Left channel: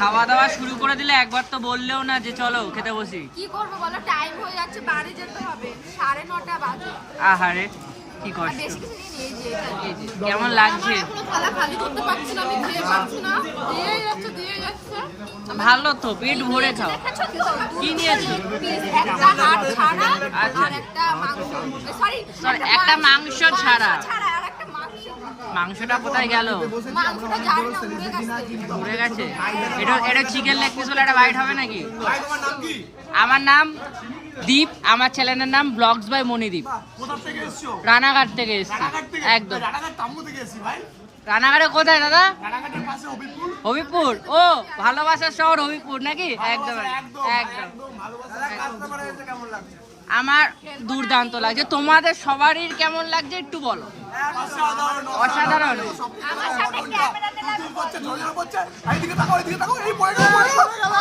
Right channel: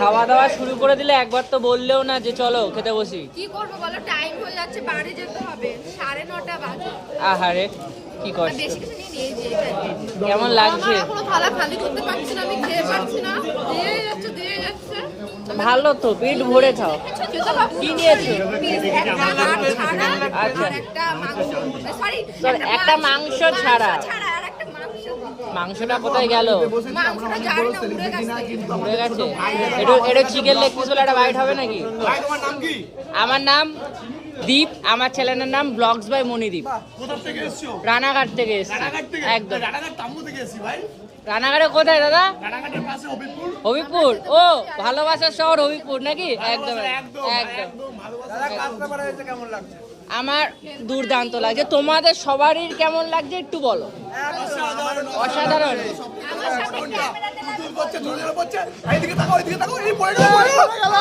খাওয়া দাওয়া শুরু করে দিলে, একবার তো বললেও না যে চলো খেতে বসি। কি করবো বলো, টাইম হয়ে যাচ্ছে, বাড়ি যেতে হবে, 9:30 বাজে। আহারে কি কষ্ট। বেশি কিছু নিয়ে নিয়ে যে কেমন লাগছে? এখনো থালা খালি করতে পারছি না, আমি খেয়ে পারছি না, দিয়ে যাচ্ছে। ভালো তো, পেট ভরে খাও। কি নিয়েছো? একটা হাড় ছাড়া আর একটা মাংস, সরি একটা মাংস ছাড়া। আর একটা মাংস। মাংসটা কোথায় গেল? মাংসটা জানি না, উড়ে গেছে। উড়ে গেছে। এটা চিকেন লেগ পিস বলে একটা বাইট হবে নাকি? আমার নাম দীপ, আমার চ্যানেলের নাম ব্লগস বাই মনিদীপ। কোথা থেকে এসছো? রানাঘাট থেকে এসেছি। একদম। রানাঘাট টাম্বু থেকে এসেছি ভাই। রানাঘাটে কোথায় দাদা? রানাঘাটের পাশে হবিপুর। হবিপুর। ও, ভালোবাসার শহর হবিপুর নাকি? একদম একদম একদম। ভালোবাসা। কেমন লাগছে? আমার দুর্দান্ত লাগছে। তোমাদের সবারই কেমন লাগছে একটু বলো। অসাধারণ। করছে, ঝড় পড়ছে, এইদিকে তাকাও, এইদিকে তাকাও, এই পড়ে গেল, পড়ে গেল।